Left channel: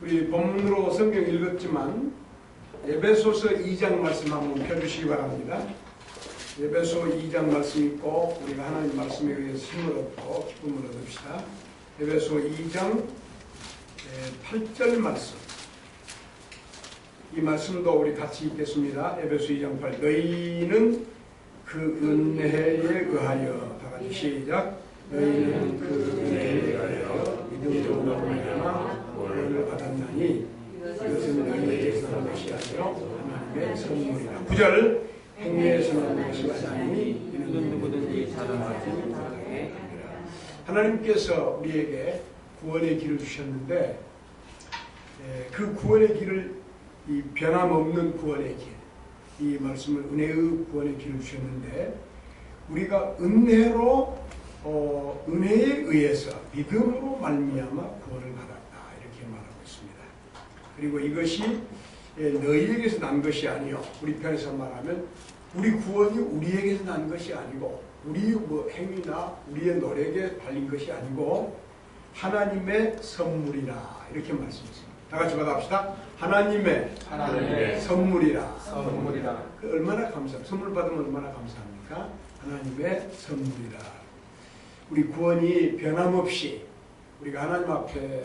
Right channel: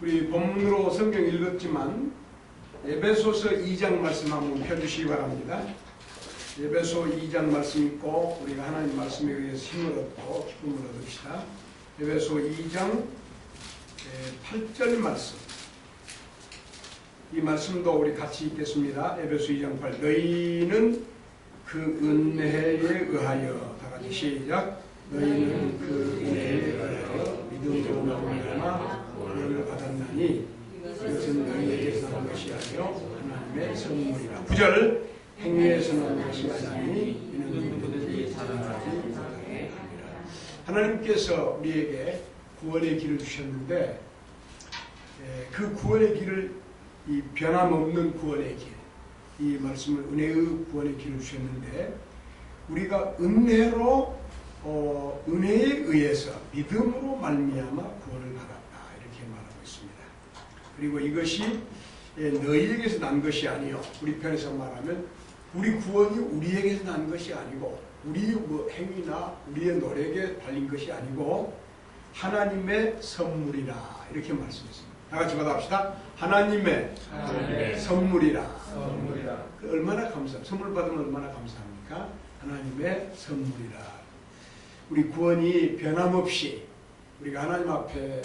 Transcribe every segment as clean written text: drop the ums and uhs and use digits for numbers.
우리 본문으로 성경 읽었지만 에베소서 2장 말씀 한번 펴주시기 바랍니다. 에베소 2장 말씀 읽고 우리가 하나님 말씀에 의해서 힘을 얻고 기쁨을 얻읍시다. 에베소 2장 8절 말씀, 이 말씀도 우리 같이 읽겠습니다. 에베소 2장 8, 너희는 그 은혜에 의하여, 다같이 시작, 너희는 그 은혜에 의하여 믿음으로 말미암아 구원을 받았나니 이것은 너희에게서 난 것이 아니요 하나님의 선물이라. 9절, 행위에서 난 것이 아니니 이는 누구든지 자기까지 못하게 합니다. 하나님께서 우리에게 구원의 길을 주셨는데 그 구원의 길을, 이 변함없는 구원의 길, 이 말씀을 은혜의 구원의 길을 주셨는데 우리가 은혜로 은혜에 의해서 믿음으로 말미암아 구원을 받았다, 이렇게 말하고 있습니다. 그리고 이것이 너희에게서 난 것이 아니요, 우리 편에서 말하면 우리 구원이 우리에게서 난 것이 아니고 우리 행위나 우리의 노력에 달린 것이 아니고 하나님의 선물이라, 이렇게 말씀했습니다. 다 같이 받아봅시다. 하나님의 선물이라. 그 얼마나 감사합니까? 선물 받으면 얼마나 감사합니까? 하나님의 선물이라. 우리 구원이 변함없이 우리가 하나님 앞에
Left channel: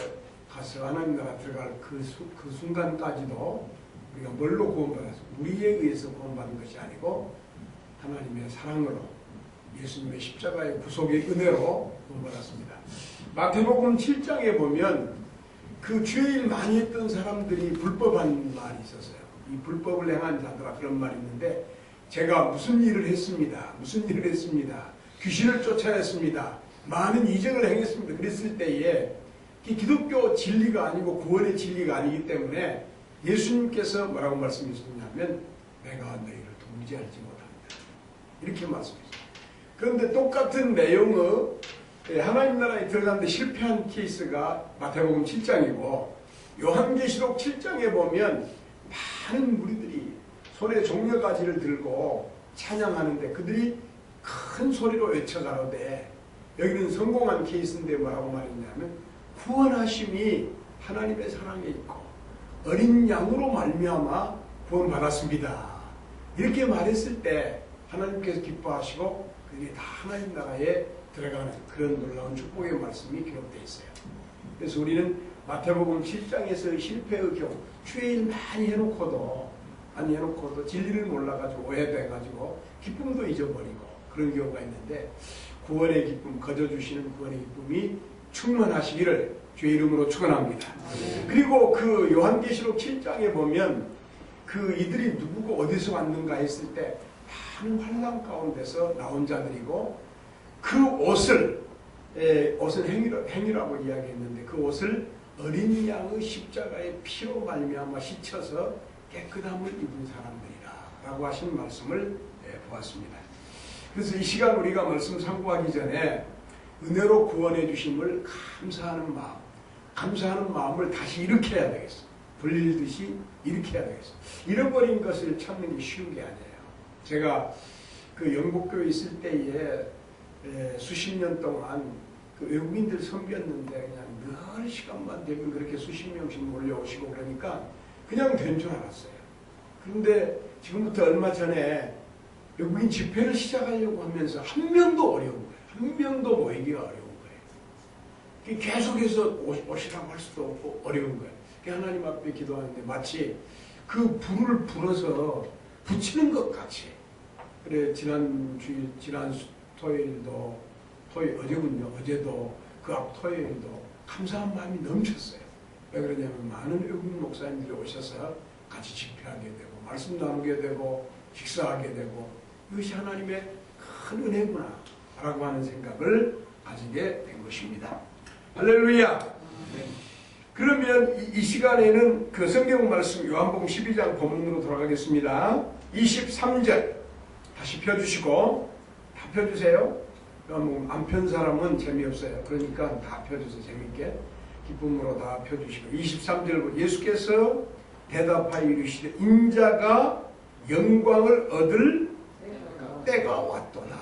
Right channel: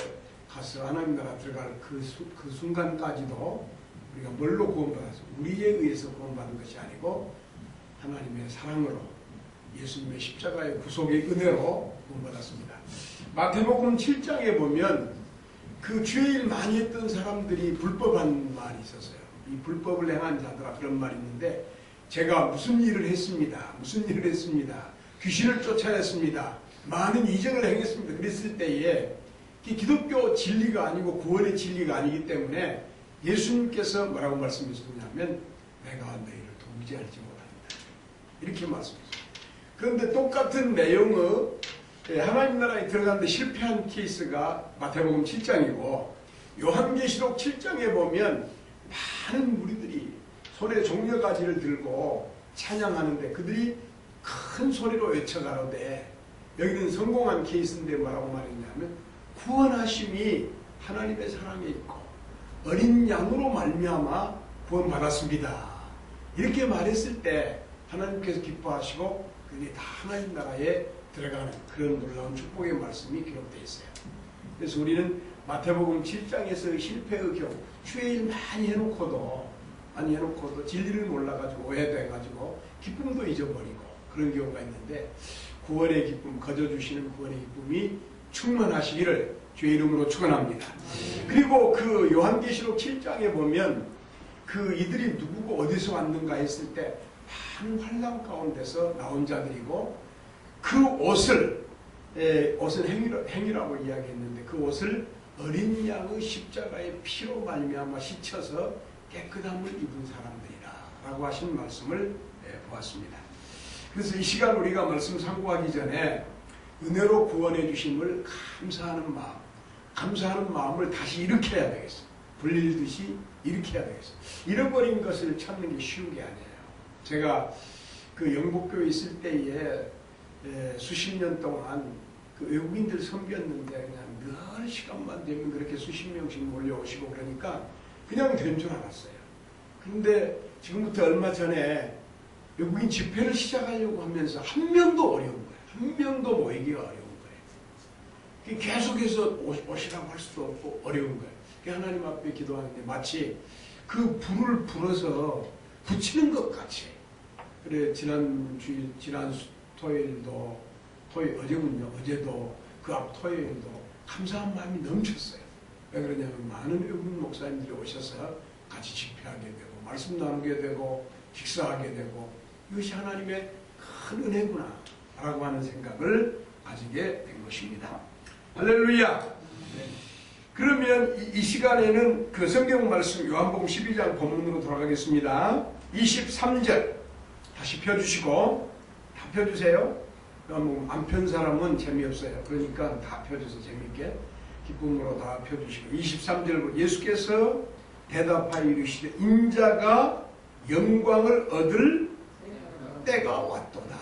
가서 하나님 나라 들어갈 그 순간까지도 우리가 뭘로 구원받았습니까? 우리에 의해서 구원받은 것이 아니고 하나님의 사랑으로, 예수님의 십자가의 구속의 은혜로 구원받았습니다. 마태복음 7장에 보면 그 죄일 많이 했던 사람들이 불법한 말이 있었어요. 이 불법을 행한 자들아, 그런 말이 있는데, 제가 무슨 일을 했습니다. 무슨 일을 했습니다. 귀신을 쫓아냈습니다. 많은 이적을 행했습니다. 그랬을 때에 기독교 진리가 아니고 구원의 진리가 아니기 때문에 예수님께서 뭐라고 말씀하셨냐면 내가 너희를 도무지 알지 못합니다, 이렇게 말씀하셨어요. 그런데 똑같은 내용의 하나님 나라에 들어가는데 실패한 케이스가 마태복음 7장이고 요한계시록 7장에 보면 많은 무리들이 손에 종려가지를 들고 찬양하는데 그들이 큰 소리로 외쳐가로되, 여기는 성공한 케이스인데 뭐라고 말했냐면 구원하심이 하나님의 사랑에 있고 어린 양으로 말미암아 구원받았습니다, 이렇게 말했을 때 하나님께서 기뻐하시고 그들이 다 하나님 나라에 들어가는 그런 놀라운 축복의 말씀이 기록되어 있어요. 그래서 우리는 마태복음 7장에서의 실패의 경우, 죄일 많이 해놓고도 진리를 몰라가지고 오해돼가지고 기쁨도 잊어버리고 그런 경우가 있는데, 구원의 기쁨, 거저주시는 구원의 기쁨이 충만하시기를 주의 이름으로 축원합니다. 그리고 그 요한계시록 7장에 보면 그 이들이 누구고 어디서 왔는가 했을 때 많은 환난 가운데서 나온 자들이고, 그 옷은 행위라고 이야기했는데 그 옷을 어린 양의 십자가의 피로 말미암아 씻혀서 깨끗함을 입은 사람들이라 라고 하신 말씀을 보았습니다. 그래서 이 시간 우리가 말씀 상고하기 전에 은혜로 구원해 주심을 감사하는 마음을 다시 일으켜야 되겠어. 불릴듯이 일으켜야 되겠어. 잃어버린 것을 찾는 게 쉬운 게 아니에요. 제가 그 영국교회 있을 때에 수십 년 동안 그 외국인들 섬겼는데 그냥 늘 시간만 되면 그렇게 수십 명씩 몰려오시고 그러니까 그냥 된 줄 알았어요. 그런데 지금부터 얼마 전에 외국인 집회를 시작하려고 하면서 한 명도 어려운 거예요. 한 명도 모이기가 어려운 거예요. 계속해서 오시라고 할 수도 없고 어려운 거예요. 하나님 앞에 기도하는데 마치 그 불을 불어서 붙이는 것 같이. 그래, 지난 토요일도, 어제도 그 앞 토요일도 감사한 마음이 넘쳤어요. 왜 그러냐면 많은 외국인 목사님들이 오셔서 같이 집회하게 되고 말씀 나누게 되고 식사하게 되고 이것이 하나님의 큰 은혜구나 라고 하는 생각을 가지게 된 것입니다. 할렐루야. 네. 그러면 이 시간에는 그 성경 말씀 요한복음 12장 본문으로 돌아가겠습니다. 23절 다시 펴주시고, 다 펴주세요. 안 편 사람은 재미없어요. 그러니까 다 펴주세요. 재미있게 기쁨으로 다 펴주시고, 23절 예수께서 대답하여 이르시되 인자가 영광을 얻을 때가 왔도다.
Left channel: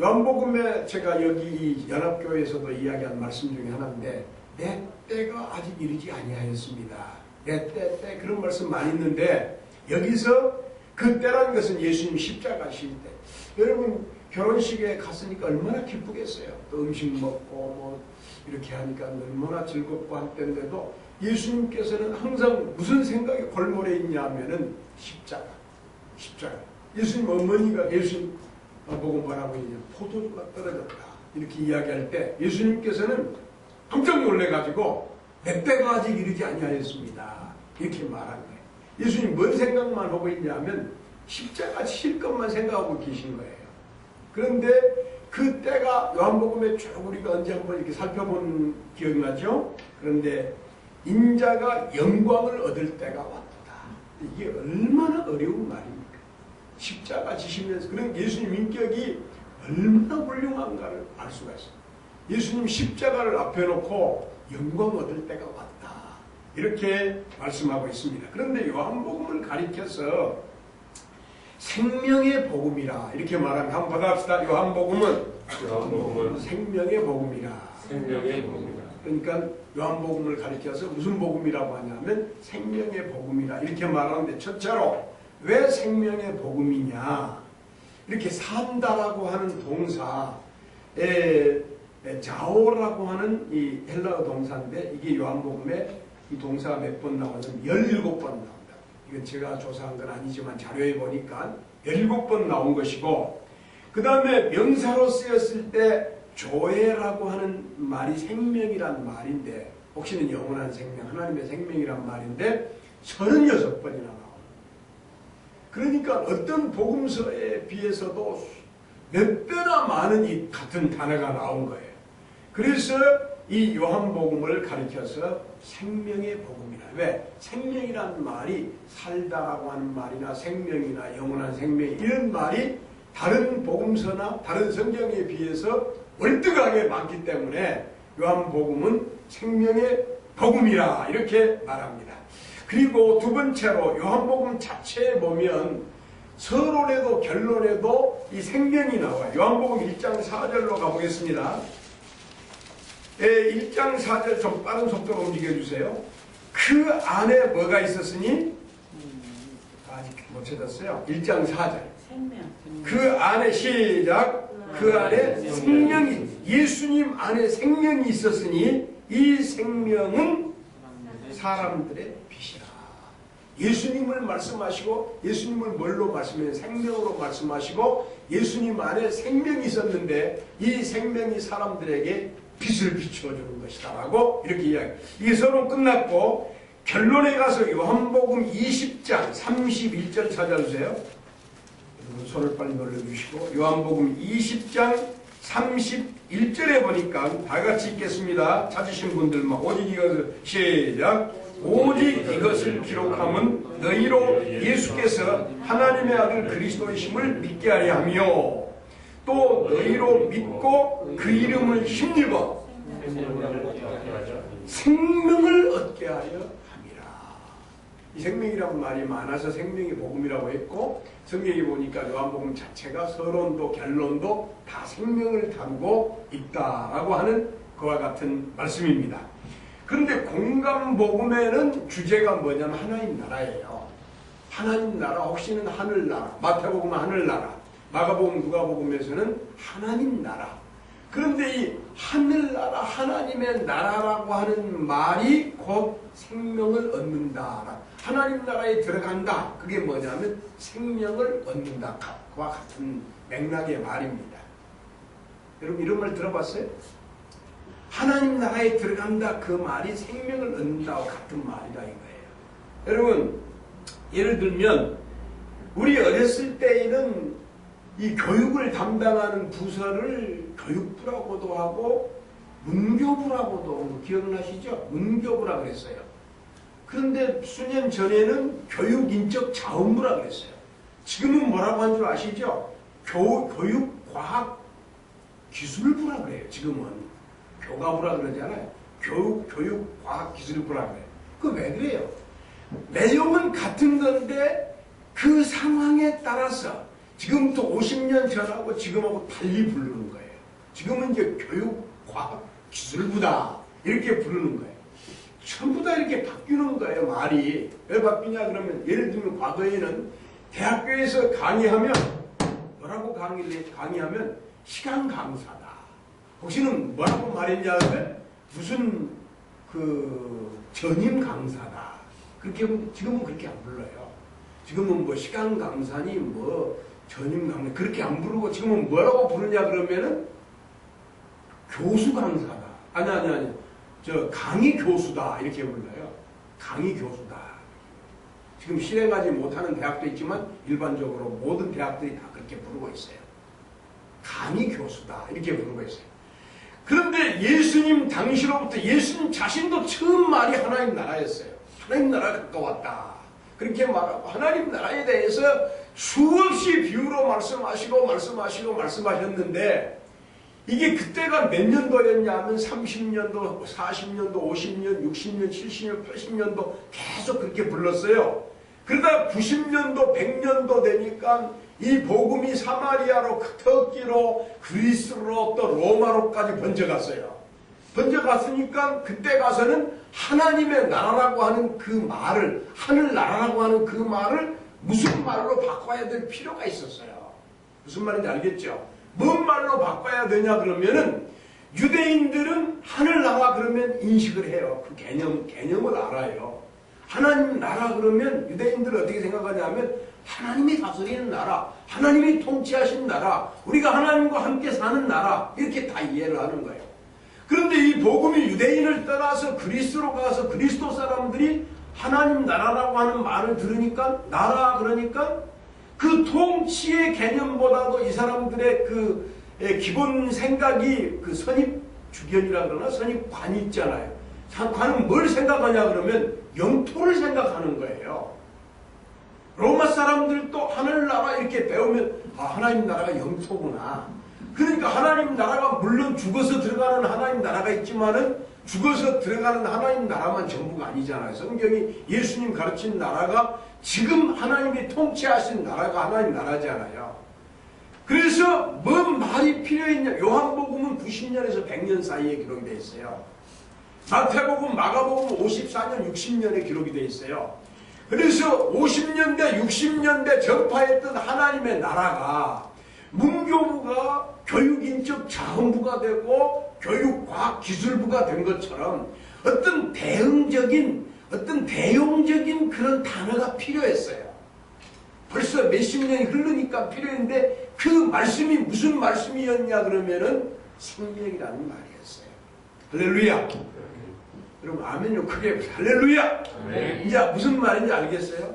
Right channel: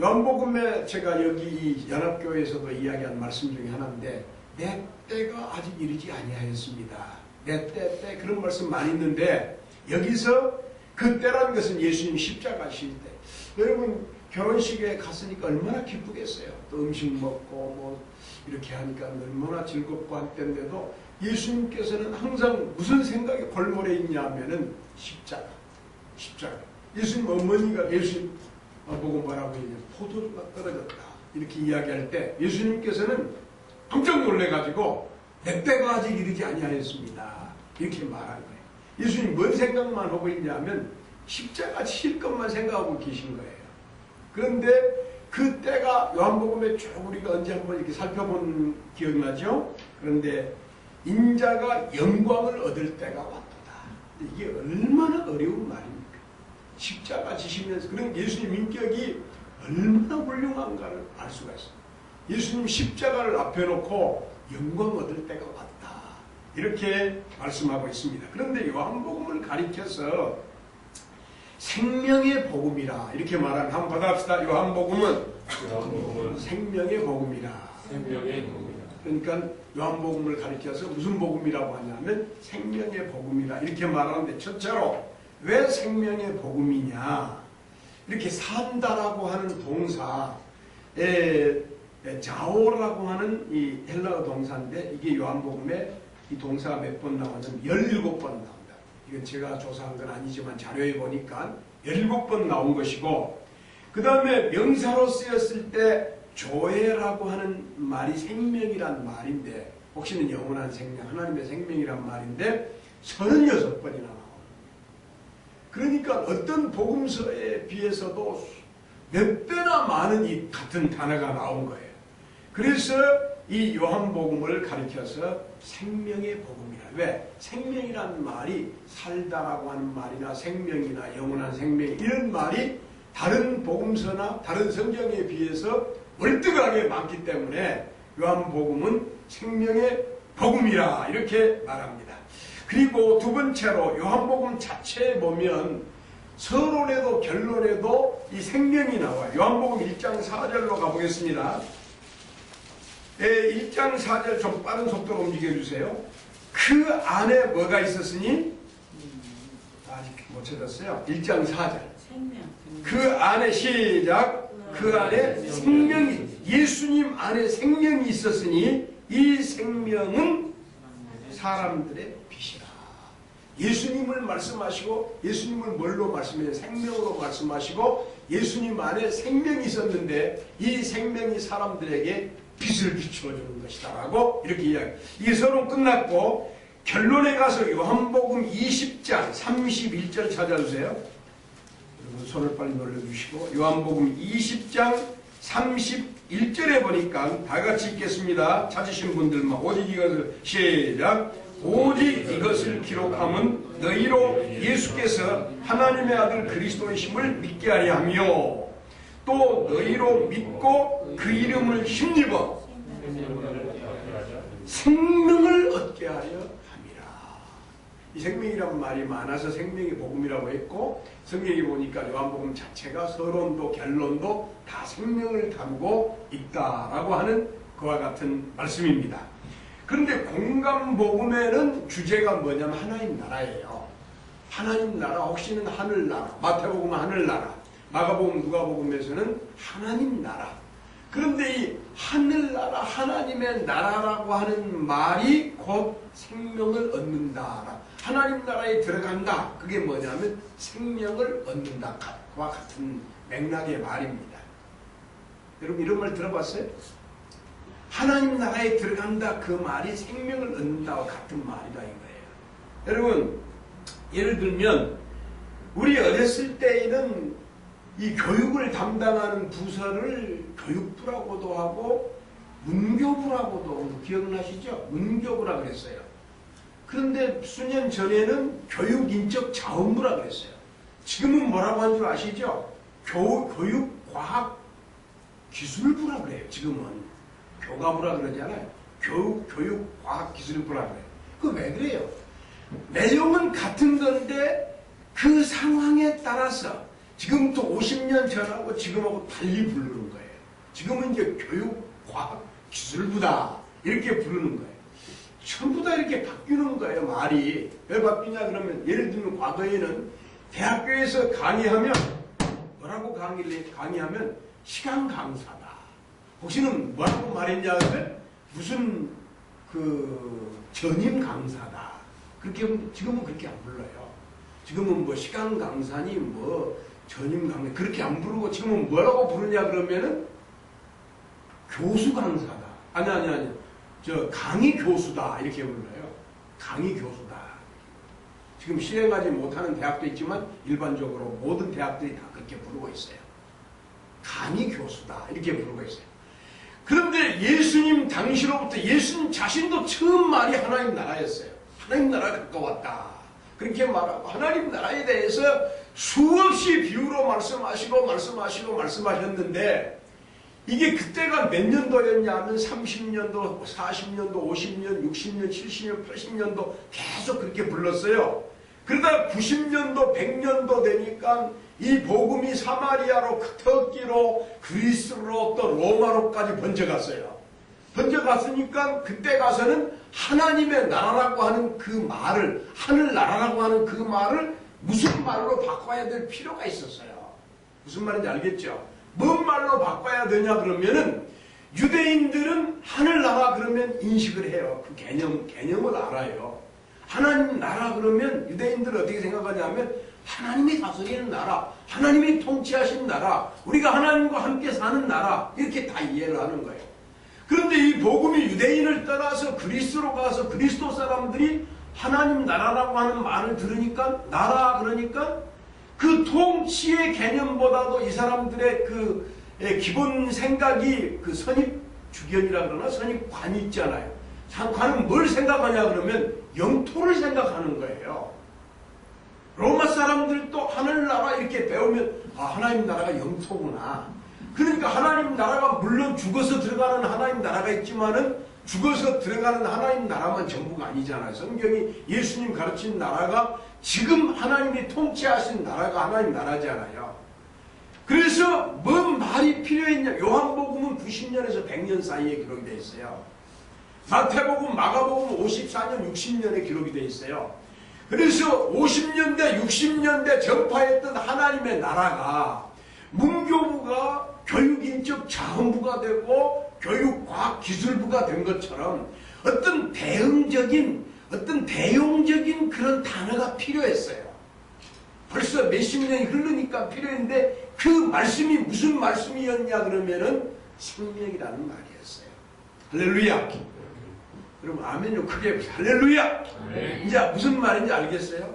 요한복음에 제가 여기 이 연합교회에서도 이야기한 말씀 중에 하나인데 내 때가 아직 이르지 아니하였습니다. 내 때 그런 말씀 많이 있는데 여기서 그 때라는 것은 예수님 십자가 실 때. 여러분 결혼식에 갔으니까 얼마나 기쁘겠어요. 또 음식 먹고 뭐 이렇게 하니까 얼마나 즐겁고 한 때인데도 예수님께서는 항상 무슨 생각이 골몰에 있냐 하면은 십자가. 예수님 어머니가 예수님 보고 뭐라고 이제 포도주가 떨어졌다 이렇게 이야기할 때 예수님께서는 깜짝 놀래가지고 내 때가 아직 이르지 아니하였습니다 이렇게 말한 거예요. 예수님 뭔 생각만 하고 있냐면 십자가 칠 것만 생각하고 계신 거예요. 그런데 그 때가 요한복음에 쭉 우리가 언제 한번 이렇게 살펴본 기억이 나죠? 그런데 인자가 영광을 얻을 때가 왔도다. 이게 얼마나 어려운 말입니까? 십자가 지시면서 그런 예수님 인격이 얼마나 훌륭한가를 알 수가 있어요. 예수님 십자가를 앞에 놓고 영광 얻을 때가 왔다. 이렇게 말씀하고 있습니다. 그런데 요한복음을 가리켜서 생명의 복음이라 이렇게 말하면 한번 받아봅시다. 요한복음은 생명의 복음이라. 그러니까 요한복음을 가리켜서 무슨 복음이라고 하냐면 생명의 복음이라 이렇게 말하는데 첫째로 왜 생명의 복음이냐? 이렇게 산다라고 하는 동사에 자오라고 하는 이 헬라어 동사인데 이게 요한복음에 이 동사가 몇 번 나오냐면 17번 나온다. 이건 제가 조사한 건 아니지만 자료에 보니까 17번 나온 것이고 그 다음에 명사로 쓰였을 때 조에라고 하는 말이 생명이란 말인데 혹시는 영원한 생명, 하나님의 생명이란 말인데 36번이나 나옵니다. 그러니까 어떤 복음서에 비해서도 몇 배나 많은 이 같은 단어가 나온 거예요. 그래서 이 요한복음을 가리켜서 생명의 복음이라. 왜? 생명이라는 말이 살다라고 하는 말이나 생명이나 영원한 생명 이런 말이 다른 복음서나 다른 성경에 비해서 월등하게 많기 때문에 요한복음은 생명의 복음이라 이렇게 말합니다. 그리고 두 번째로 요한복음 자체에 보면 서론에도 결론에도 이 생명이 나와요. 요한복음 1장 4절로 가보겠습니다. 1장 4절 좀 빠른 속도로 움직여주세요. 그 안에 뭐가 있었으니? 아직 못 찾았어요. 1장 4절. 그 안에 시작. 그 안에 생명이 예수님 안에 생명이 있었으니 이 생명은 사람들의 빛이라. 예수님을 말씀하시고 예수님을 뭘로 말씀해요? 생명으로 말씀하시고 예수님 안에 생명이 있었는데 이 생명이 사람들에게 빛을 비춰주는 것이다 라고 이렇게 이야기해요. 이 서론 끝났고 결론에 가서 요한복음 20장 31절 찾아주세요. 여러분 손을 빨리 놀려주시고 요한복음 20장 31절에 보니까 다 같이 읽겠습니다. 찾으신 분들만 오직 이것을 시작. 오직 이것을 기록함은 너희로 예수께서 하나님의 아들 그리스도이심을 믿게 하려 하며 또 너희로 믿고 그 이름을 힘입어 생명을 얻게 하여 함이라. 이 생명이란 말이 많아서 생명의 복음이라고 했고 성경에 보니까 요한복음 자체가 서론도 결론도 다 생명을 담고 있다라고 하는 그와 같은 말씀입니다. 그런데 공감복음에는 주제가 뭐냐면 하나님 나라예요. 하나님 나라 혹시는 하늘나라, 마태복음은 하늘나라, 마가복음 누가복음에서는 하나님 나라. 그런데 이 하늘나라 하나님의 나라라고 하는 말이 곧 생명을 얻는다. 하나님 나라에 들어간다. 그게 뭐냐면 생명을 얻는다. 그와 같은 맥락의 말입니다. 여러분 이런 말 들어봤어요? 하나님 나라에 들어간다 그 말이 생명을 얻는다와 같은 말이다 이거예요. 여러분 예를 들면 우리 어렸을 때에는 이 교육을 담당하는 부서를 교육부라고도 하고 문교부라고도 기억나시죠? 문교부라 그랬어요. 그런데 수년 전에는 교육인적자원부라 그랬어요. 지금은 뭐라고 한 줄 아시죠? 교육과학기술부라 그래요. 지금은 교과부라 그러잖아요. 교육과학기술부라 그래요. 그거 왜 그래요? 내용은 같은 건데 그 상황에 따라서 지금부터 50년 전하고 지금하고 달리 부르는 거예요. 지금은 이제 교육과학기술부다 이렇게 부르는 거예요. 전부 다 이렇게 바뀌는 거예요. 말이 왜 바뀌냐 그러면 예를 들면 과거에는 대학교에서 강의하면 뭐라고 강의하면 시간 강사다. 혹시는 뭐라고 말했냐 하면 무슨 그 전임 강사다. 그렇게 지금은 그렇게 안 불러요. 지금은 뭐 시간 강사니 뭐 전임 강사 그렇게 안 부르고 지금은 뭐라고 부르냐 그러면은 교수 강사다. 아니 저 강의 교수다 이렇게 불러요. 강의 교수다. 지금 실행하지 못하는 대학도 있지만 일반적으로 모든 대학들이 다 그렇게 부르고 있어요. 강의 교수다 이렇게 부르고 있어요. 그런데 예수님 당시로부터 예수님 자신도 처음 말이 하나님 나라였어요. 하나님 나라가 가까웠다. 그렇게 말하고 하나님 나라에 대해서 수없이 비유로 말씀하셨는데 이게 그때가 몇 년도였냐 하면 30년도, 40년도, 50년, 60년, 70년, 80년도 계속 그렇게 불렀어요. 그러다 90년도, 100년도 되니까 이 복음이 사마리아로, 터키로, 그리스로 또 로마로까지 번져갔어요. 번져갔으니까 그때 가서는 하나님의 나라라고 하는 그 말을, 하늘나라라고 하는 그 말을 무슨 말로 바꿔야 될 필요가 있었어요. 무슨 말인지 알겠죠? 뭔 말로 바꿔야 되냐 그러면은 유대인들은 하늘나라 그러면 인식을 해요. 그 개념을 알아요. 하나님 나라 그러면 유대인들은 어떻게 생각하냐면 하나님이 다스리는 나라, 하나님이 통치하신 나라, 우리가 하나님과 함께 사는 나라 이렇게 다 이해를 하는 거예요. 그런데 이 복음이 유대인을 떠나서 그리스로 가서 그리스도 사람들이 하나님 나라라고 하는 말을 들으니까 나라 그러니까 그 통치의 개념보다도 이 사람들의 그 기본 생각이 그 선입주견이라 그러나 선입관이 있잖아요. 관은 뭘 생각하냐 그러면 영토를 생각하는 거예요. 로마 사람들도 하늘나라 이렇게 배우면 하나님 나라가 영토구나. 그러니까 하나님 나라가 물론 죽어서 들어가는 하나님 나라가 있지만은 죽어서 들어가는 하나님 나라만 전부가 아니잖아요. 성경이 예수님 가르친 나라가 지금 하나님이 통치하신 나라가 하나님 나라잖아요. 그래서 뭔 말이 필요했냐. 요한복음은 90년에서 100년 사이에 기록이 되어 있어요. 마태복음, 마가복음 54년, 60년에 기록이 되어 있어요. 그래서 50년대, 60년대 전파했던 하나님의 나라가 문교부가 교육인적 자원부가 되고 교육과학기술부가 된 것처럼 어떤 대용적인 그런 단어가 필요했어요. 벌써 몇십 년이 흐르니까 필요했는데 그 말씀이 무슨 말씀이었냐 그러면은 생명이라는 말이었어요. 할렐루야. 여러분 아멘요 크게 할렐루야. 이제 무슨 말인지 알겠어요?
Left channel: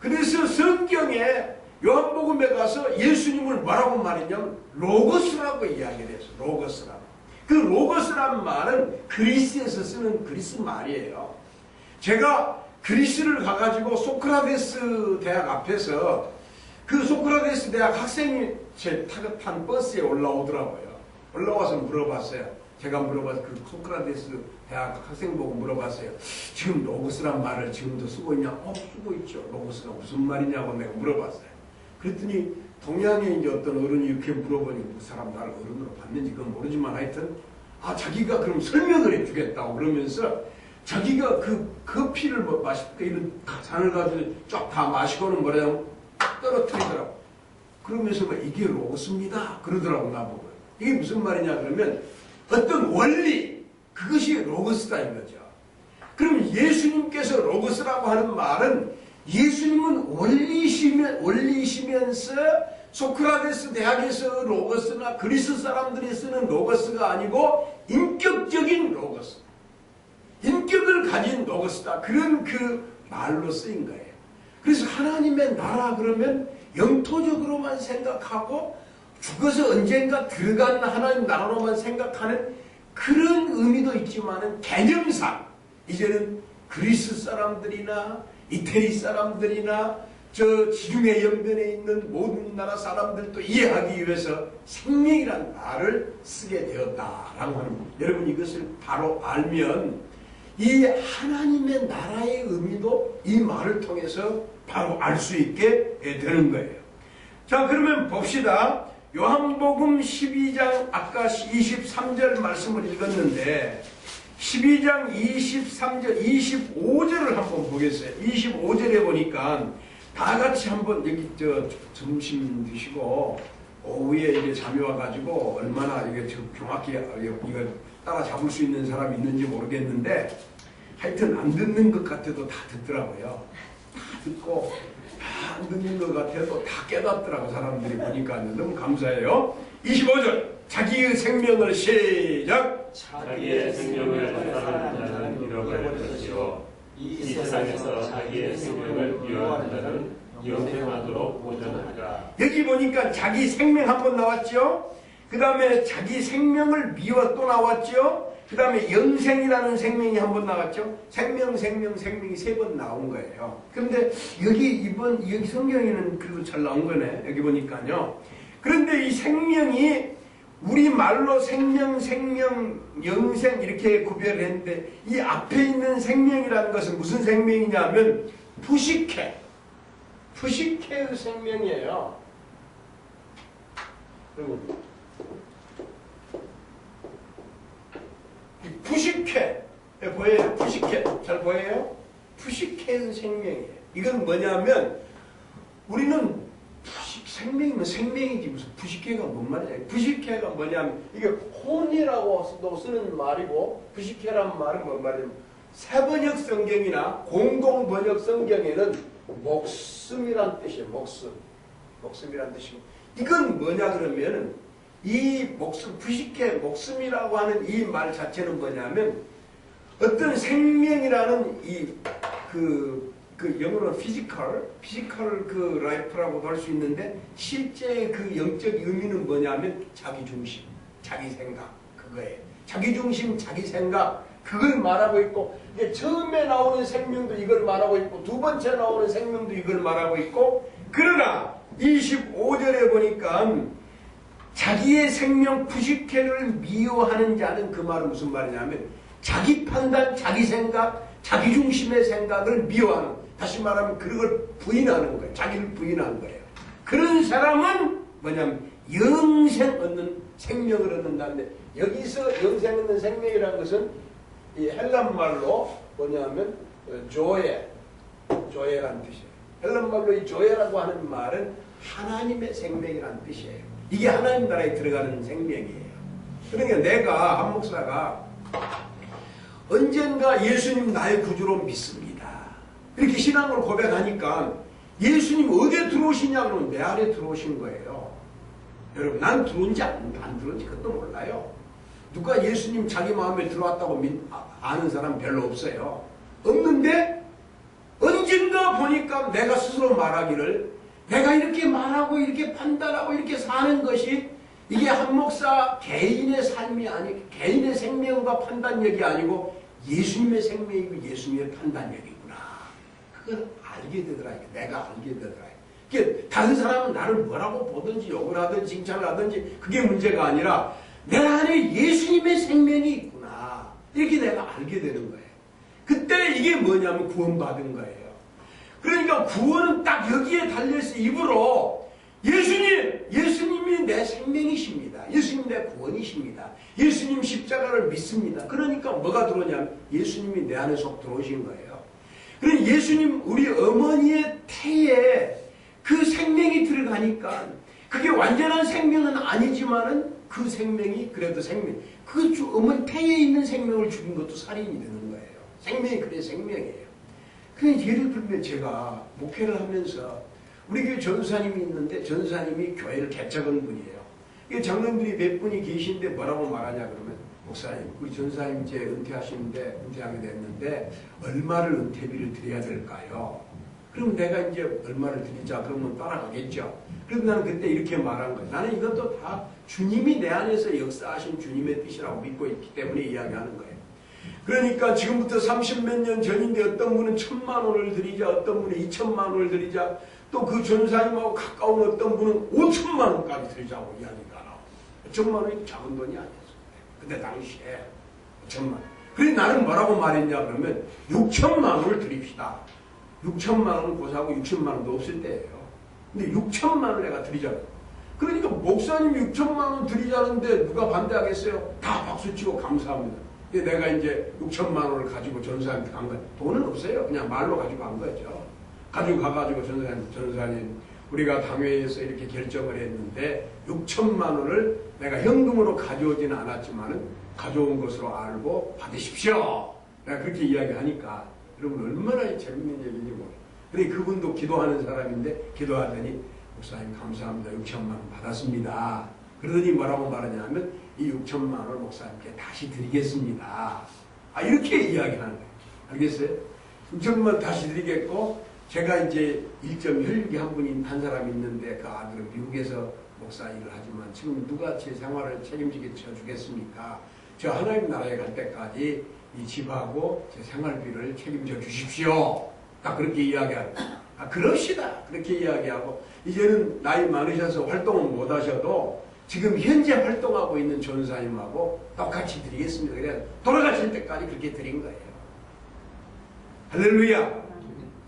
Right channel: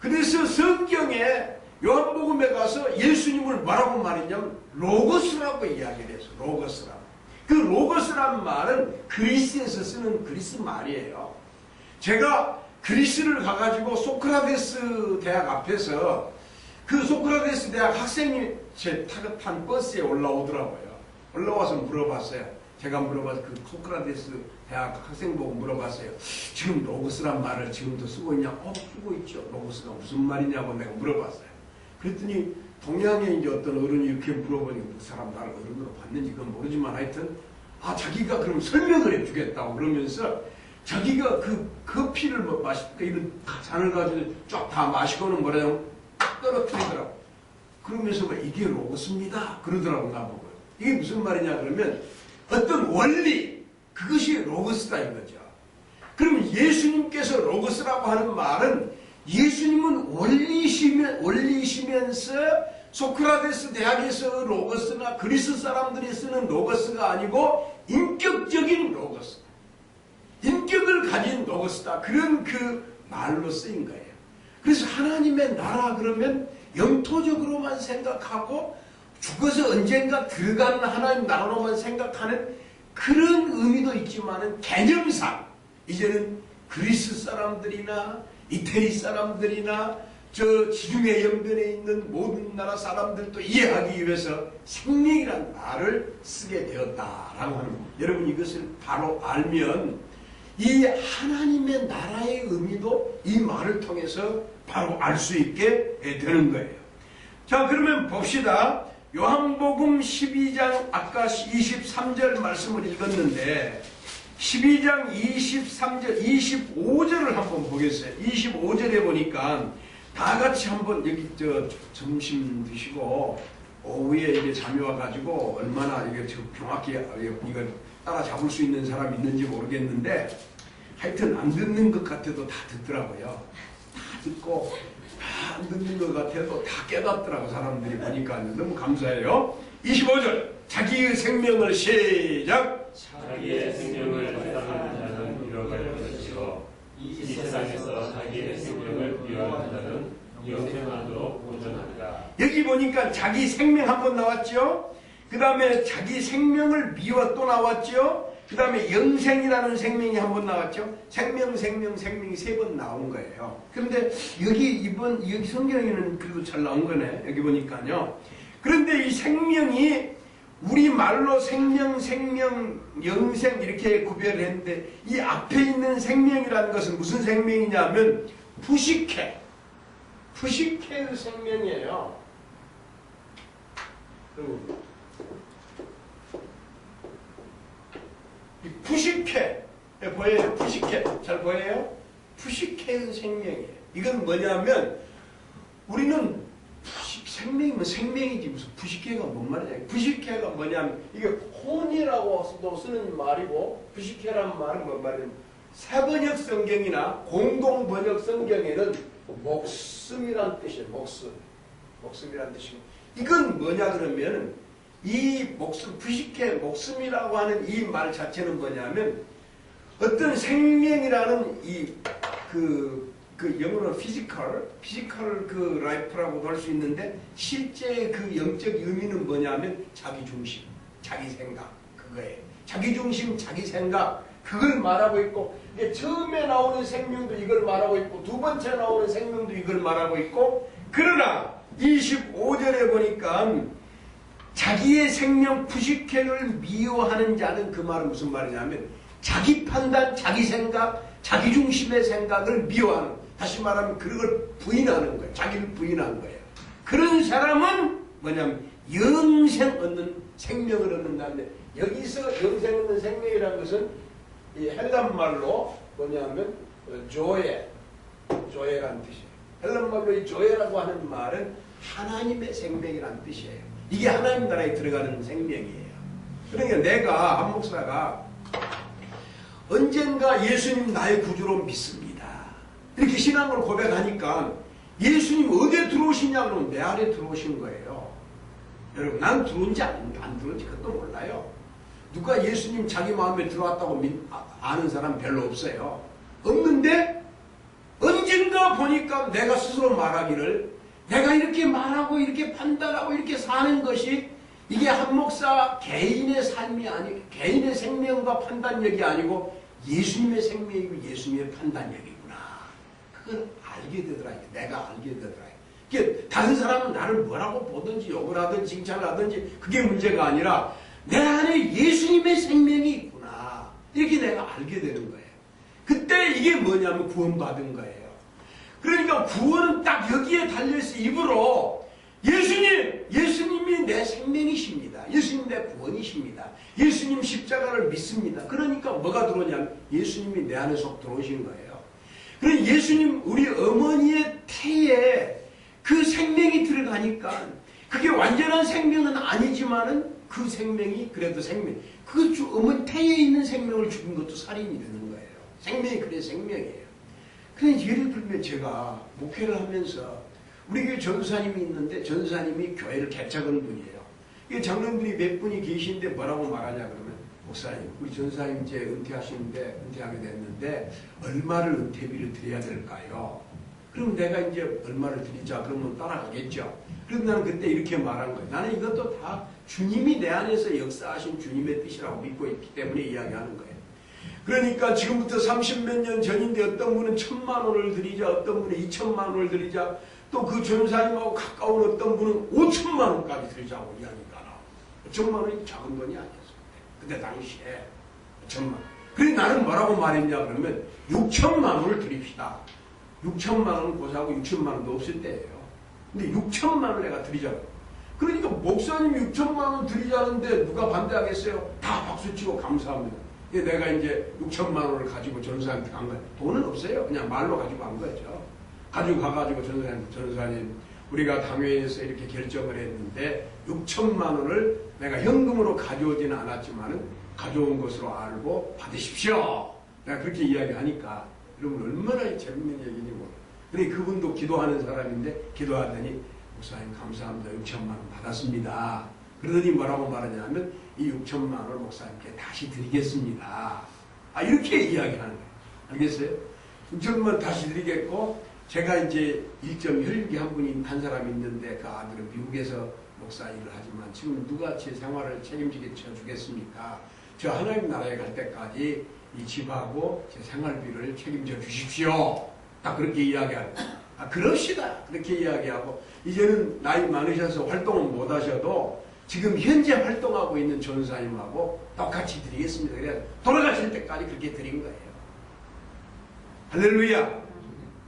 그래서 성경에 요한복음에 가서 예수님을 뭐라고 말했냐면 로고스라고 이야기를 했어요. 로고스라고. 그 로고스란 말은 그리스에서 쓰는 그리스 말이에요. 제가 그리스를 가가지고 소크라테스 대학 앞에서 그 소크라테스 대학 학생이 제 탄 버스에 올라오더라고요. 올라와서 물어봤어요. 제가 물어봐서 그 소크라테스 대학 학생 보고 물어봤어요. 지금 로고스란 말을 지금도 쓰고 있냐? 쓰고 있죠. 로고스가 무슨 말이냐고 내가 물어봤어요. 그랬더니 동양에 이제 어떤 어른이 이렇게 물어보니까 그 사람 나를 어른으로 봤는지 그건 모르지만 하여튼 자기가 그럼 설명을 해주겠다고 그러면서 자기가 그 커피를 마시니까 이런 잔을 가지고 쫙 다 마시고는 뭐라냐면 떨어뜨리더라고. 그러면서 이게 로고스입니다 그러더라고 나보고. 이게 무슨 말이냐 그러면 어떤 원리 그것이 로고스다 이거죠. 그러면 예수님께서 로고스라고 하는 말은 예수님은 원리시면서 소크라테스 대학에서 로고스나 그리스 사람들이 쓰는 로고스가 아니고 인격적인 로고스, 인격을 가진 로고스다. 그런 그 말로 쓰인 거예요. 그래서 하나님의 나라 그러면 영토적으로만 생각하고 죽어서 언젠가 들어가는 하나님 나라로만 생각하는 그런 의미도 있지만은 개념상 이제는 그리스 사람들이나 이태리 사람들이나 저 지중해 연변에 있는 모든 나라 사람들도 이해하기 위해서 생명이란 말을 쓰게 되었다라고 하는 겁니다. 여러분 이것을 바로 알면 이 하나님의 나라의 의미도 이 말을 통해서 바로 알 수 있게 되는 거예요. 자 그러면 봅시다. 요한복음 12장 아까 23절 말씀을 읽었는데 12장 23절, 25절을 한번 보겠어요. 25절에 보니까 다 같이 한번 여기 점심 드시고 오후에 이제 잠이 와가지고 얼마나 이게 정확히 이거 따라 잡을 수 있는 사람이 있는지 모르겠는데 하여튼 안 듣는 것 같아도 다 듣더라고요. 다 듣고 다 안 듣는 것 같아도 다 깨닫더라고 사람들이 보니까 너무 감사해요. 25절 자기의 생명을 시작. 자기의 생명을 회당하는 자는 잃어버릴 것이요 이 세상에서 자기의 생명을 미워하는 자는 영생하도록 보존하리라. 여기 보니까 자기 생명 한 번 나왔죠. 그 다음에 자기 생명을 미워 또 나왔죠. 그 다음에 영생이라는 생명이 한 번 나왔죠. 생명이 세 번 나온 거예요. 그런데 여기 성경에는 그래도 잘 나온 거네. 여기 보니까요. 그런데 이 생명이 우리 말로 생명, 영생 이렇게 구별했는데 이 앞에 있는 생명이라는 것은 무슨 생명이냐면 푸시케의 생명이에요. 그리고 이 푸시케 보여요? 푸시케 잘 보여요? 푸시케의 생명이에요. 이건 뭐냐면 우리는 생명이면 생명이지 무슨 푸시케가 뭔 말이냐. 푸시케가 뭐냐면 이게 혼이라고 쓰는 말이고 푸시케란 말은 뭔 말이냐면 새번역 성경이나 공동번역 성경에는 목숨이란 뜻이에요. 목숨이란 뜻이고 이건 뭐냐 그러면은 이 목숨 푸시케 목숨이라고 하는 이 말 자체는 뭐냐면 어떤 생명이라는 그 영어로 피지컬 그 라이프라고도 할 수 있는데 실제 그 영적 의미는 뭐냐면 자기 중심, 자기 생각 그거예요. 자기 중심, 자기 생각 그걸 말하고 있고 이게 처음에 나오는 생명도 이걸 말하고 있고 두 번째 나오는 생명도 이걸 말하고 있고 그러나 25절에 보니까 자기의 생명 푸시케를 미워하는 자는 그 말은 무슨 말이냐면 자기 판단, 자기 생각, 자기 중심의 생각을 미워하는 다시 말하면 그걸 부인하는 거예요. 자기를 부인하는 거예요. 그런 사람은 뭐냐면 영생 얻는 생명을 얻는다는데 여기서 영생 얻는 생명이라는 것은 이 헬란말로 뭐냐면 조에라는 뜻이에요. 헬란말로 이 조에라고 하는 말은 하나님의 생명이라는 뜻이에요. 이게 하나님 나라에 들어가는 생명이에요. 그러니까 내가 한 목사가 언젠가 예수님 나의 구주로 믿습니다. 이렇게 신앙을 고백하니까 예수님 어디에 들어오시냐 그러면 내 안에 들어오신 거예요. 여러분 난 들어온지 안 들어온지 그것도 몰라요. 누가 예수님 자기 마음에 들어왔다고 아는 사람 별로 없어요. 없는데 언젠가 보니까 내가 스스로 말하기를 내가 이렇게 말하고 이렇게 판단하고 이렇게 사는 것이 이게 한 목사 개인의 삶이 아니고 개인의 생명과 판단력이 아니고 예수님의 생명이고 예수님의 판단력이구나. 그걸 알게 되더라. 내가 알게 되더라. 이게 다른 사람은 나를 뭐라고 보든지 욕을 하든지 칭찬을 하든지 그게 문제가 아니라 내 안에 예수님의 생명이 있구나. 이렇게 내가 알게 되는 거예요. 그때 이게 뭐냐면 구원받은 거예요. 그러니까 구원은 딱 여기에 달려있어. 입으로 예수님이 내 생명이십니다. 예수님 내 구원이십니다. 예수님 십자가를 믿습니다. 그러니까 뭐가 들어오냐면 예수님이 내 안에 속 들어오신 거예요. 그러니까 예수님 우리 어머니의 태에 그 생명이 들어가니까 그게 완전한 생명은 아니지만은 그 생명이 그래도 생명. 그 어머니 태에 있는 생명을 죽인 것도 살인이 되는 거예요. 생명이 그래 생명이에요. 그래서 예를 들면 제가 목회를 하면서 우리 교회 전사님이 있는데 전사님이 교회를 개척한 분이에요. 이게 장로님들이 몇 분이 계신데 뭐라고 말하냐 그러면 목사님 우리 전사님 이제 은퇴하게 됐는데 얼마를 은퇴비를 드려야 될까요? 그럼 내가 이제 얼마를 드리자 그러면 따라가겠죠. 그럼 나는 그때 이렇게 말한 거예요. 나는 이것도 다 주님이 내 안에서 역사하신 주님의 뜻이라고 믿고 있기 때문에 이야기하는 거예요. 그러니까 지금부터 30몇 년 전인데 어떤 분은 1,000만 원을 드리자, 어떤 분은 2,000만 원을 드리자, 또 그 전사님하고 가까운 어떤 분은 5,000만 원까지 드리자고 이야기가 나와요. 5,000만 원이 작은 돈이 아니었어요. 그때 당시에 5,000만 원. 그래서 나는 뭐라고 말했냐 그러면 6,000만 원을 드립시다. 6,000만 원은 고사하고 6,000만 원도 없을 때예요. 근데 6,000만 원을 내가 드리자고. 그러니까 목사님 6,000만 원 드리자는데 누가 반대하겠어요? 다 박수치고 감사합니다. 근데 내가 이제 6천만 원을 가지고 전사한테 간 거야. 돈은 없어요. 그냥 말로 가지고 간 거죠. 가지고 가가지고 전사님 우리가 당회에서 이렇게 결정을 했는데 6천만 원을 내가 현금으로 가져오지는 않았지만은 가져온 것으로 알고 받으십시오. 내가 그렇게 이야기하니까 여러분 얼마나 재밌는 얘기인지 몰라. 근데 그분도 기도하는 사람인데 기도하더니 목사님 감사합니다. 6천만 원 받았습니다. 그러더니 뭐라고 말하냐면 이 6천만 원을 목사님께 다시 드리겠습니다. 이렇게 이야기하는 거예요. 알겠어요? 6천만 원 다시 드리겠고 제가 이제 1.16이 한 사람이 있는데 그 아들은 미국에서 목사 일을 하지만 지금 누가 제 생활을 책임지게 쳐주겠습니까? 저 하나님 나라에 갈 때까지 이 집하고 제 생활비를 책임져 주십시오. 딱 그렇게 이야기하고 그럽시다. 그렇게 이야기하고 이제는 나이 많으셔서 활동은 못 하셔도 지금 현재 활동하고 있는 전사님하고 똑같이 드리겠습니다. 그래서 돌아가실 때까지 그렇게 드린 거예요. 할렐루야.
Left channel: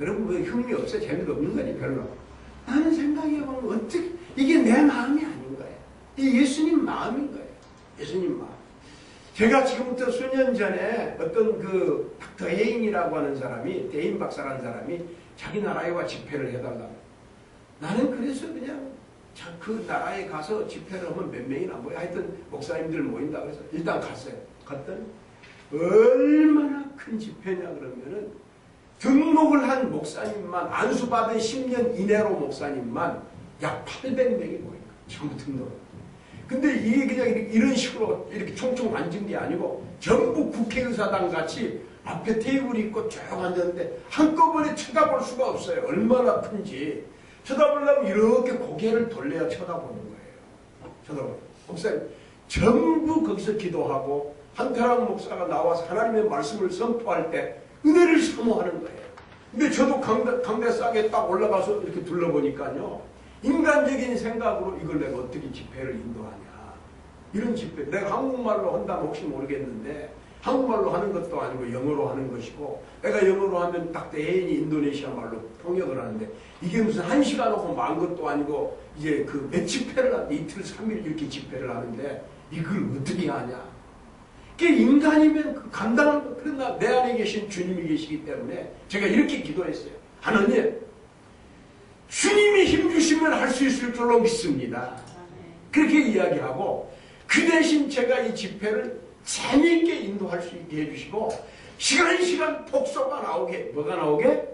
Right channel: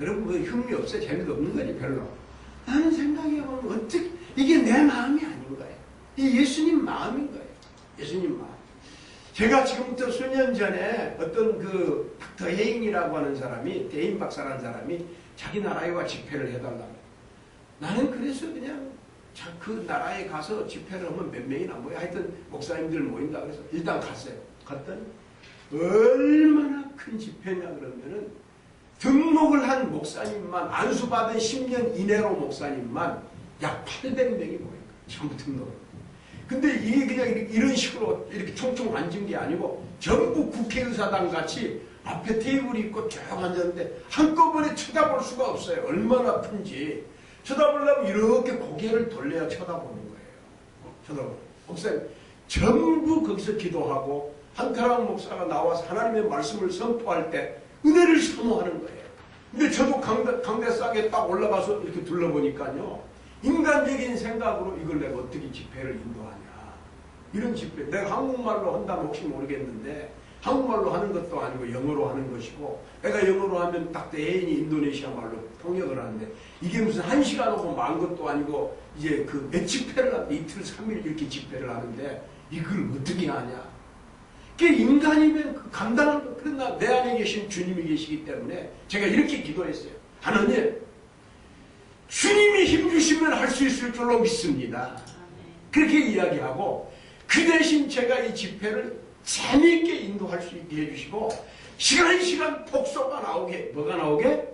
여러분 뭐 흥미 없어요? 재미도 없는 거지 별로. 나는 생각해보면 어떻게 이게 내 마음이 아닌 거예요. 이 예수님 마음인 거예요. 예수님 마음. 제가 지금부터 수년 전에 어떤 그 닥터 헤인이라고 하는 사람이 대인 박사라는 사람이 자기 나라에 와 집회를 해달라고. 나는 그래서 그냥 그 나라에 가서 집회를 하면 몇 명이나 모여. 하여튼 목사님들 모인다 그래서 일단 갔어요. 갔더니 얼마나 큰 집회냐 그러면은 등록을 한 목사님만 안수받은 10년 이내로 목사님만 약 800명이 모인 거예요. 전부 등록. 근데 이게 그냥 이런 식으로 이렇게 총총 앉은 게 아니고 전부 국회의사당 같이 앞에 테이블이 있고 쭉 앉았는데 한꺼번에 쳐다볼 수가 없어요. 얼마나 큰지. 쳐다보려면 이렇게 고개를 돌려야 쳐다보는 거예요. 쳐다보는. 목사님 전부 거기서 기도하고 한태랑 목사가 나와서 하나님의 말씀을 선포할 때 은혜를 사모하는 거예요. 근데 저도 강대 싸게 딱 올라가서 이렇게 둘러보니까요. 인간적인 생각으로 이걸 내가 어떻게 집회를 인도하냐. 이런 집회. 내가 한국말로 한다면 혹시 모르겠는데 한국말로 하는 것도 아니고 영어로 하는 것이고 내가 영어로 하면 딱 대인이 인도네시아 말로 통역을 하는데 이게 무슨 1시간 하고 만 것도 아니고 이제 그 몇 집회를 하는데 이틀 3일 이렇게 집회를 하는데 이걸 어떻게 하냐. 그게 인간이면 그 감당할 거. 그러나 내 안에 계신 주님이 계시기 때문에 제가 이렇게 기도했어요. 하나님 주님이 힘주시면 할 수 있을 줄로 믿습니다. 그렇게 이야기하고 그 대신 제가 이 집회를 재미있게 인도할 수 있게 해주시고 시간 폭소가 나오게. 뭐가 나오게?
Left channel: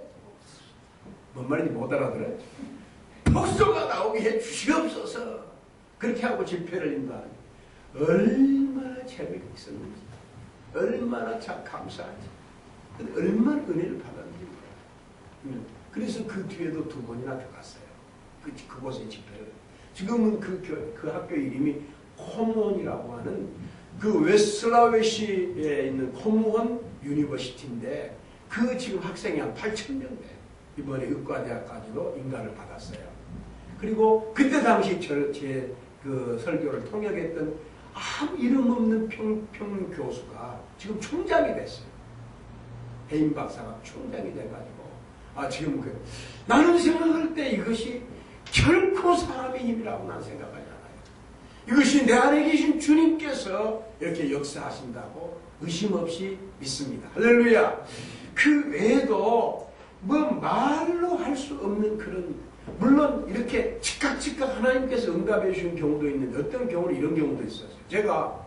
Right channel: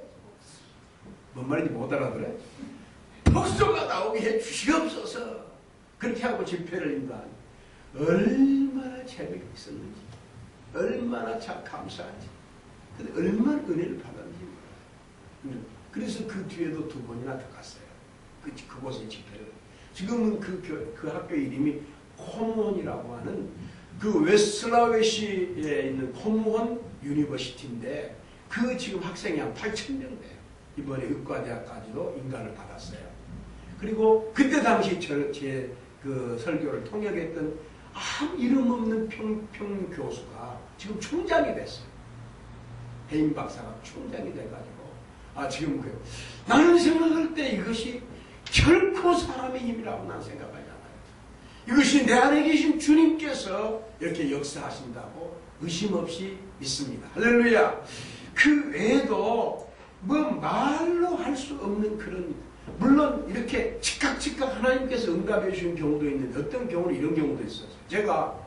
뭔 말인지 못 알아들어요? 폭소가 나오게 해주시옵소서. 그렇게 하고 집회를 인도하는 얼마나 재미가 있었는지 얼마나 참 감사한지 근데 얼마나 은혜를 받았는지 몰라요. 그래서 그 뒤에도 2번이나 더 갔어요. 그곳에 집회를. 지금은 그 학교 이름이 코무원이라고 하는 그 웨슬라웨시에 있는 코무원 유니버시티인데 그 지금 학생이 한 8,000명 돼요. 이번에 의과대학까지도 인가를 받았어요. 그리고 그때 당시 제 그 설교를 통역했던 아무 이름 없는 평 교수가 지금 총장이 됐어요. 해인 박사가 총장이 돼가지고 지금 나는 생각할 때 이것이 결코 사람의 힘이라고 난 생각하지 않아요. 이것이 내 안에 계신 주님께서 이렇게 역사하신다고 의심 없이 믿습니다. 할렐루야. 그 외에도 뭐 말로 할 수 없는 그런 물론 이렇게 즉각 하나님께서 응답해 주신 경우도 있는데 어떤 경우는 이런 경우도 있었어요. 제가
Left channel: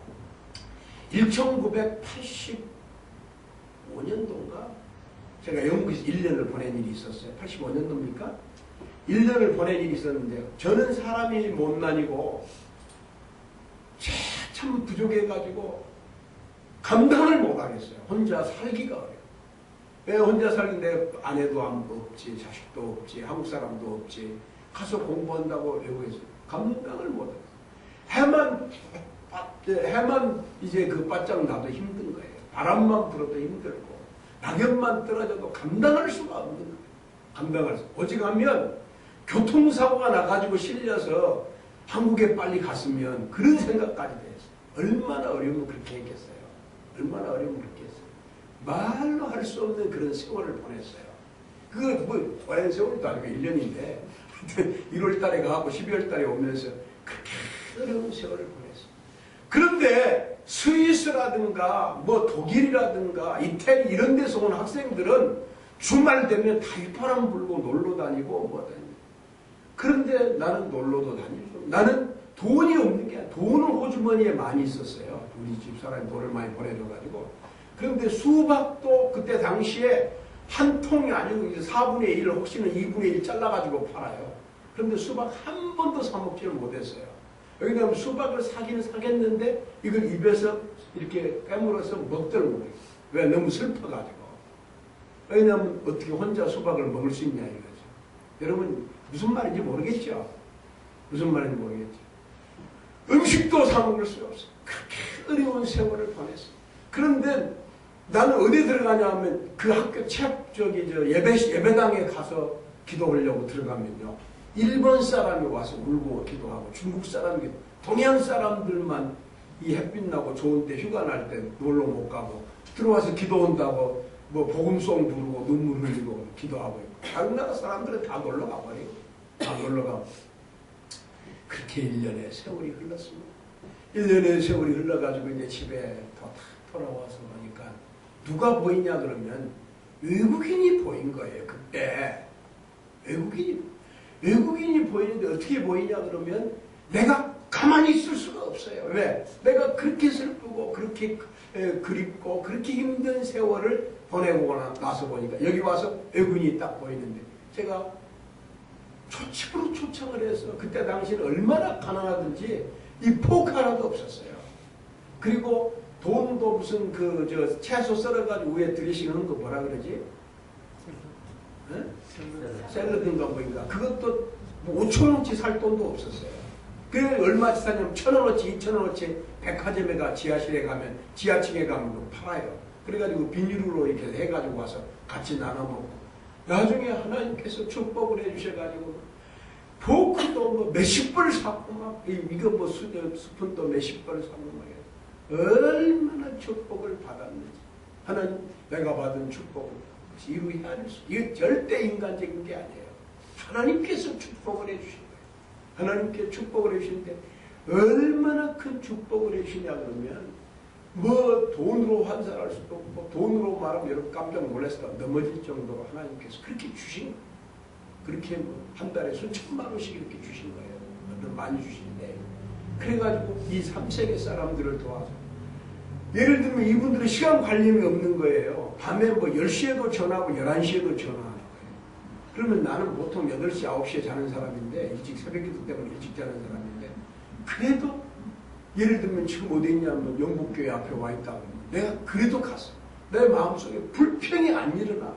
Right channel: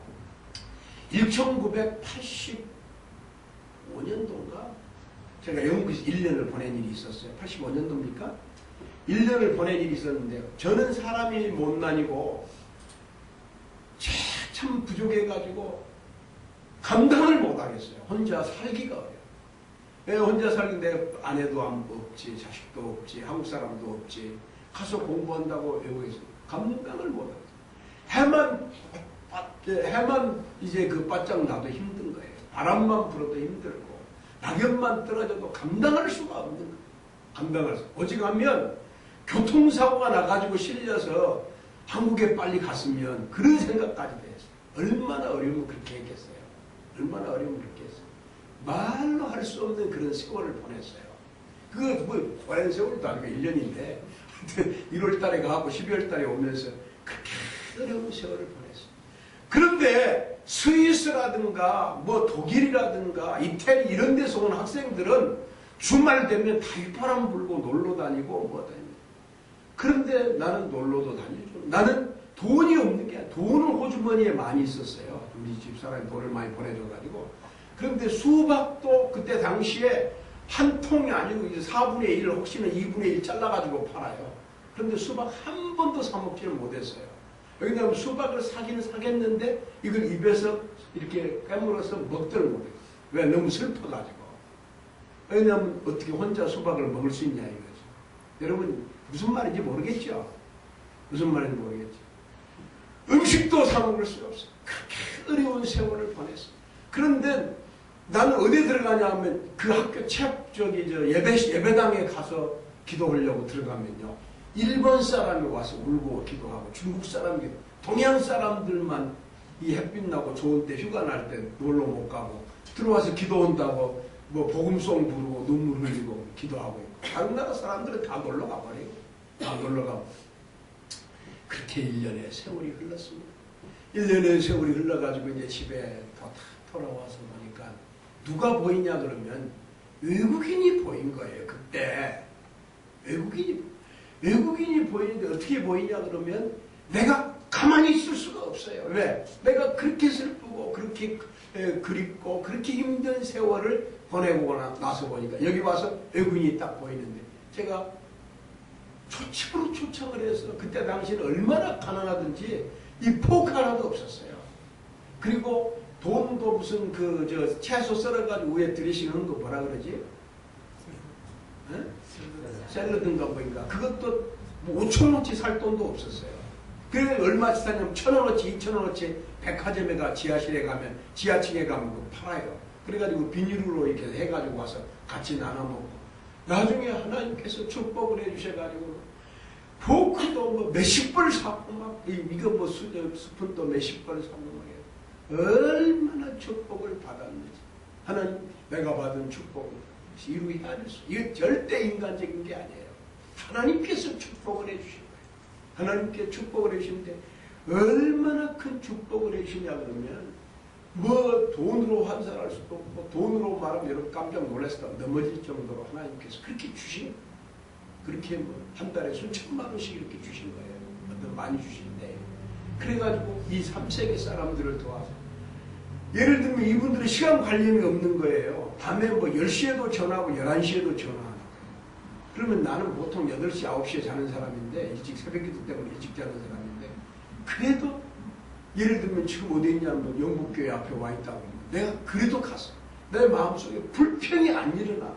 1985년도인가 제가 영국에서 1년을 보낸 일이 있었어요. 85년도입니까? 1년을 보낸 일이 있었는데요. 저는 사람이 못난이고 참 부족해가지고 감당을 못하겠어요. 혼자 살기가 어려워요. 왜 혼자 살긴데 아내도 없지, 자식도 없지, 한국 사람도 없지. 가서 공부한다고 외국에서 감당을 못하겠어요. 해만 이제 그 바짝 나도 힘든 거예요. 바람만 불어도 힘들고 낙엽만 떨어져도 감당할 수가 없는 거예요. 감당할 수. 오직 하면 교통사고가 나가지고 실려서 한국에 빨리 갔으면 그런 생각까지 됐어요. 얼마나 어려우면 그렇게 했겠어요. 얼마나 어려우면 그렇게 했어요. 말로 할 수 없는 그런 세월을 보냈어요. 그거 뭐 오랜 세월도 아니고 1년인데 1월 달에 가고 12월 달에 오면서 그렇게 어려운 세월을 보냈어요. 그런데 스위스라든가 뭐 독일이라든가 이태리 이런 데서 온 학생들은 주말 되면 달바람 불고 놀러 다니고 뭐 다니고. 그런데 나는 놀러도 다니죠. 나는 돈이 없는 게 아니라 돈은 호주머니에 많이 있었어요. 우리 집사람이 돈을 많이 보내줘가지고. 그런데 수박도 그때 당시에 한 통이 아니고 이제 4분의 1 혹시는 2분의 1 잘라가지고 팔아요. 그런데 수박 한 번도 사 먹지를 못했어요. 왜냐하면 수박을 사기는 사겠는데 이걸 입에서 이렇게 깨물어서 먹들 못해요. 왜? 너무 슬퍼가지고. 왜냐하면 어떻게 혼자 수박을 먹을 수 있냐 이거죠. 여러분 무슨 말인지 모르겠죠? 무슨 말인지 모르겠죠? 음식도 사 먹을 수 없어요. 그렇게 어려운 세월을 보냈어요. 그런데 나는 어디 들어가냐 하면 그 학교 예배당에 가서 기도하려고 들어가면요. 일본 사람이 와서 울고 기도하고 중국 사람이 동양 사람들만 이 햇빛 나고 좋은데 휴가 날 때 놀러 못 가고 들어와서 기도한다고 뭐 복음송 부르고 눈물 흘리고 기도하고 있고 다른 나라 사람들은 다 놀러 가버리고 다 놀러 가고 그렇게 1년의 세월이 흘렀습니다. 1년의 세월이 흘러가지고 이제 집에 돌아와서 보니까 누가 보이냐 그러면 외국인이 보인 거예요. 그때 외국인이 보이는데 어떻게 보이냐 그러면 내가 가만히 있을 수가 없어요. 왜? 내가 그렇게 슬프고 그렇게 그립고 그렇게 힘든 세월을 보내고 나서 보니까 여기 와서 외국인이 딱 보이는데 제가 초집으로 초청을 해서 그때 당시는 얼마나 가난하든지 이 포크 하나도 없었어요. 그리고 돈도 무슨 채소 썰어가지고 위에 드레싱 하는 거 뭐라 그러지? 샐러드인가 뭐인가. 그것도 뭐 5,000원치 살 돈도 없었어요. 그래 얼마치 사냐면 1,000원어치 2,000원어치 백화점에 지하실에 가면 지하층에 가면 또 팔아요. 그래가지고 비닐로 이렇게 해가지고 와서 같이 나눠 먹고 나중에 하나님께서 축복을 해주셔가지고 포크도 뭐 몇십 벌 사고 막 이거 뭐 스푼도 몇십 벌 사고 막 얼마나 축복을 받았는지 하나님 내가 받은 축복을 이루 헤아릴 수 이거 절대 인간적인 게 아니에요. 하나님께서 축복을 해주신 거예요. 하나님께 축복을 해주시는데 얼마나 큰 축복을 해주시냐 그러면 뭐 돈으로 환산할 수도 없고 돈으로 말하면 여러분 깜짝 놀랐을 넘어질 정도로 하나님께서 그렇게 주신 거예요. 그렇게 뭐 한 달에 수천만 원씩 이렇게 주신 거예요. 어떤 많이 주시는데 그래가지고 이 3세계 사람들을 도와서 예를 들면 이분들은 시간 관념이 없는 거예요. 밤에 뭐 10시에도 전화하고 11시에도 전화하는 거예요. 그러면 나는 보통 8시, 9시에 자는 사람인데 일찍 새벽기도 때문에 일찍 자는 사람인데 그래도 예를 들면 지금 어디 있냐면 영국교회 앞에 와 있다고 그러면 내가 그래도 갔어. 내 마음속에 불평이 안 일어나는 거예요.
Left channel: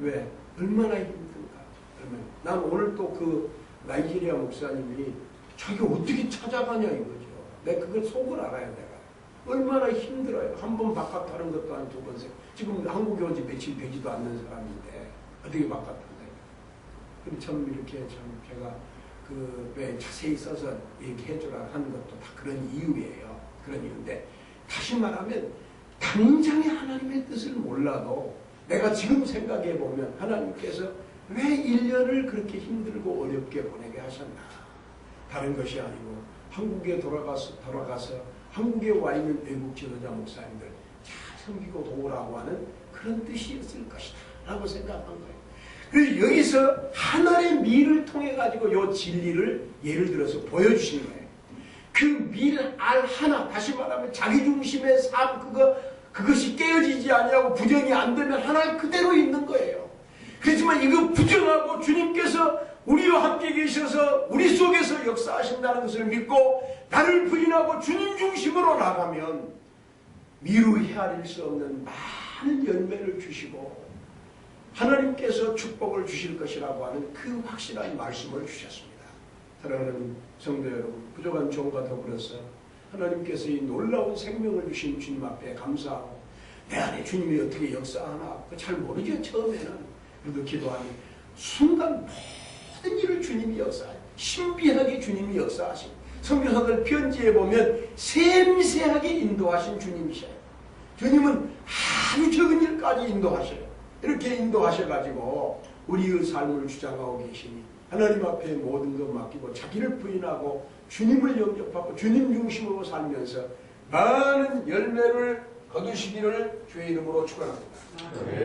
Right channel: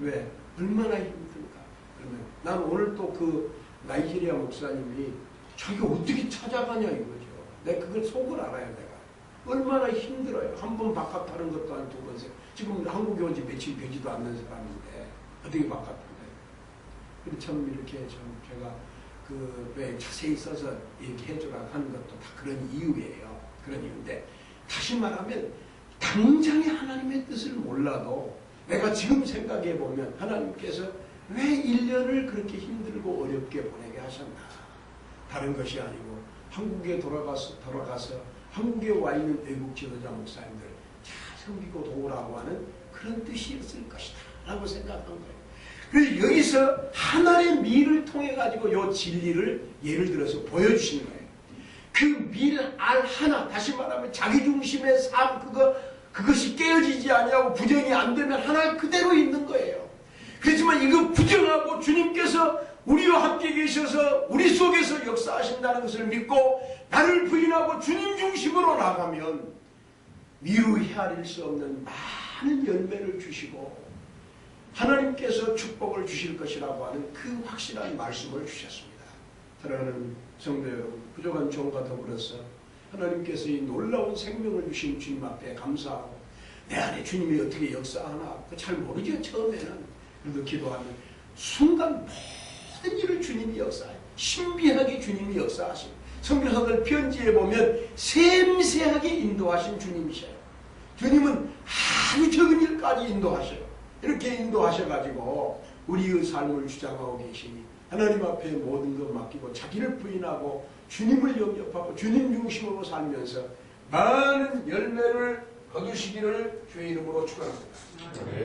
왜? 얼마나 힘든가. 그러면 난 오늘 또 그 나이지리아 목사님이 자기 어떻게 찾아가냐 이거죠. 내가 그걸 속을 알아요. 내가. 얼마나 힘들어요. 한 번 바깥 타는 것도 한 2번 세. 지금 한국에 온 지 며칠 되지도 않는 사람인데 어떻게 바깥 타나요? 근데 참 이렇게 참 제가 왜 자세히 써서 얘기해 주라 하는 것도 다 그런 이유예요. 그런 이유인데 다시 말하면 당장에 하나님의 뜻을 몰라도 내가 지금 생각해 보면 하나님께서 왜 1년을 그렇게 힘들고 어렵게 보내게 하셨나. 다른 것이 아니고 한국에 돌아가서 한국에 와 있는 외국 지도자 목사님들 잘 섬기고 도우라고 하는 그런 뜻이었을 것이다 라고 생각한 거예요. 그래서 여기서 하나의 미를 통해 가지고 이 진리를 예를 들어서 보여주시는 거예요. 그 미를 알 하나, 다시 말하면 자기중심의 삶 그것이 깨어지지 아니하고 부정이 안 되면 하나 그대로 있는 거예요. 그렇지만 이거 부정하고 주님께서 우리와 함께 계셔서 우리 속에서 역사하신다는 것을 믿고 나를 부인하고 주님 중심으로 나가면 미루 헤아릴 수 없는 많은 열매를 주시고 하나님께서 축복을 주실 것이라고 하는 그 확실한 말씀을 주셨습니다. 사랑하는 성도 여러분, 부족한 종과 더불어서 하나님께서 이 놀라운 생명을 주신 주님 앞에 감사하고 내 안에 주님이 어떻게 역사하나 잘 모르죠. 처음에는. 그래도 기도하면 순간 모든 일을 주님이 역사해요. 신비하게 주님이 역사하시고 성경사들 편지에 보면 샘세하게 인도하신 주님이셔요. 주님은 아주 적은 일까지 인도하셔요. 이렇게 인도하셔가지고 우리의 삶을 주장하고 계시니 하나님 앞에 모든 것 맡기고 자기를 부인하고 주님을 영접하고 주님 중심으로 살면서 많은 열매를 거두시기를 주의 이름으로 축원합니다.